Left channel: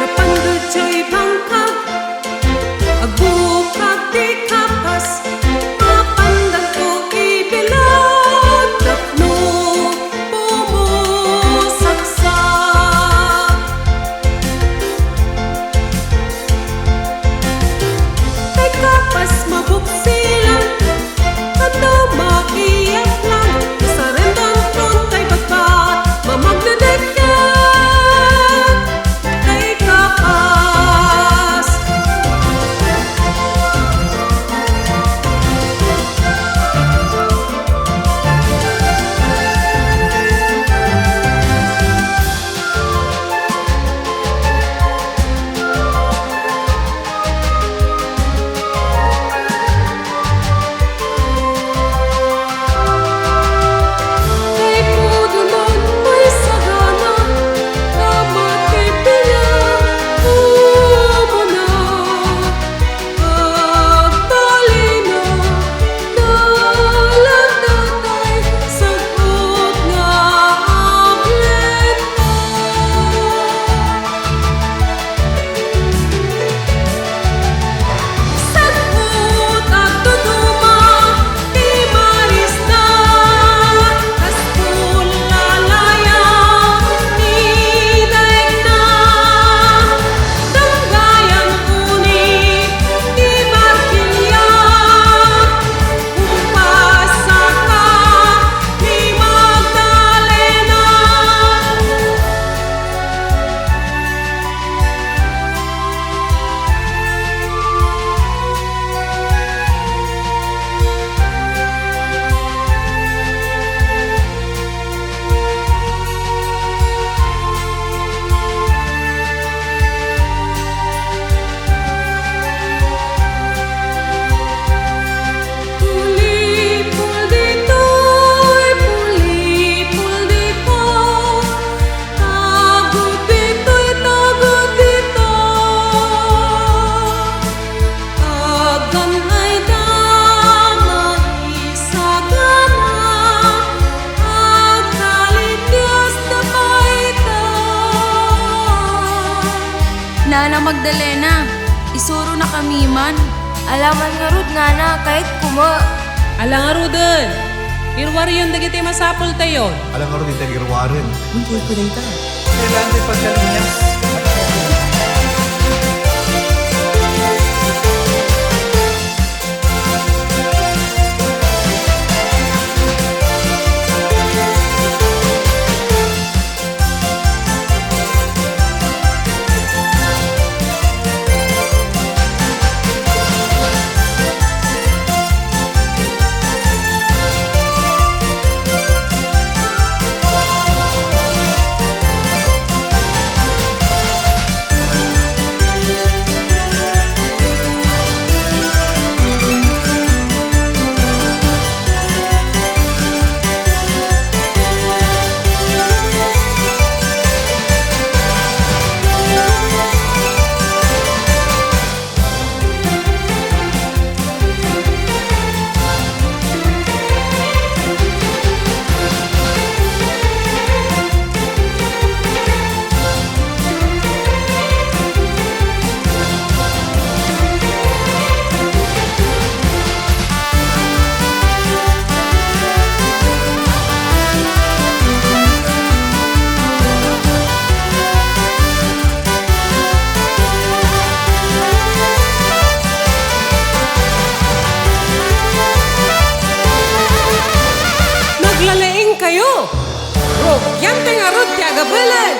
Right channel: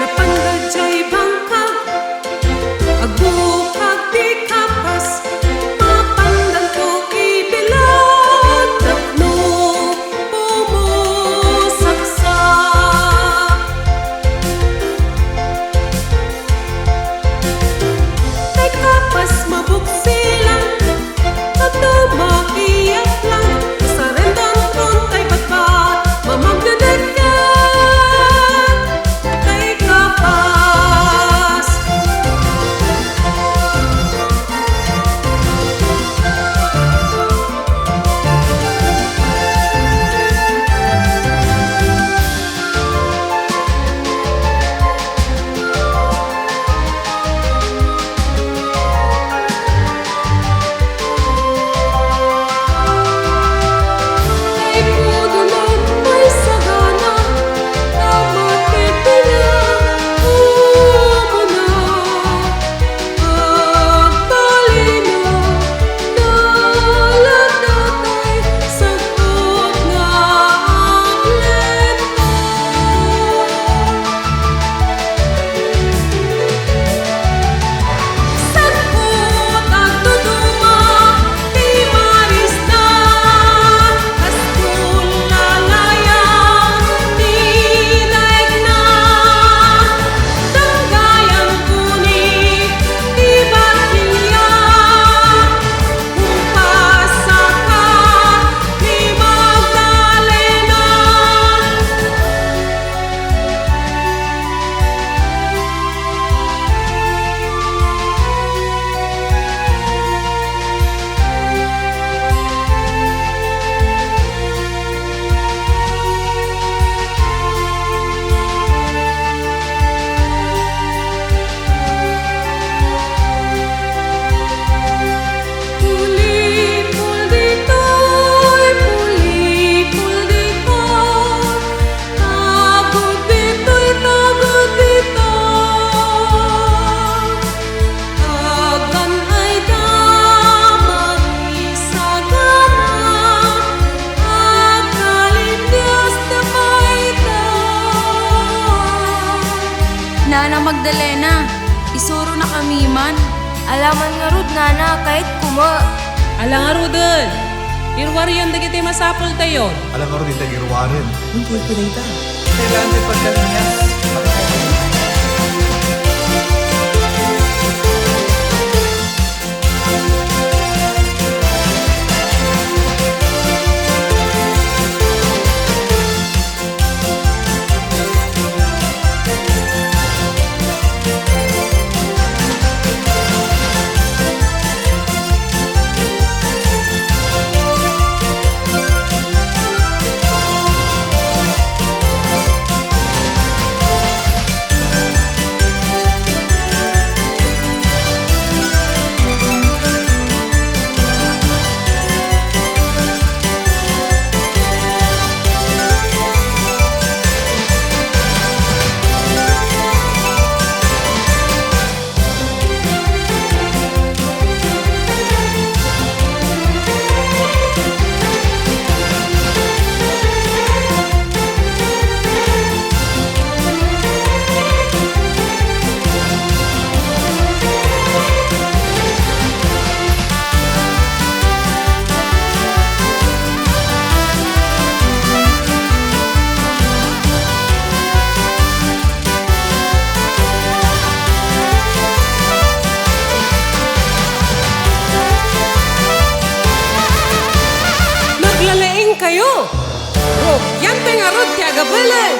Napandadjay bangkag agbukag di kapas mapandan to ibilad tapno pumusaksak tay kapas mabuksilan kanto maiyak lang usarendan tron tay batbat mamagdedeket tay kapas. Tay pudunan may sagana tamatipinga umuna agbalina nalagdatay sagot nga aglenta sagot agduduma ti marista kaspulalaya ti daig na danggayang uni ti barkilya kumpasaka ni Magdalena. Pulipul dito'y pulipul dito tagod dito'y tagod dito agan ay damay sagana agkalinyas na paita. Nana Magdalena, isuro na kami man. Alaman nga rod nana kahit kuma. Alang arudan, irwariyon dagiti masapol tayon. Alang nga rin ito girwarin. Kailangan tayo pagkalinyas. Para tayo magandang. Naglalaing kayo! Rogyante nga rod ti agabalan!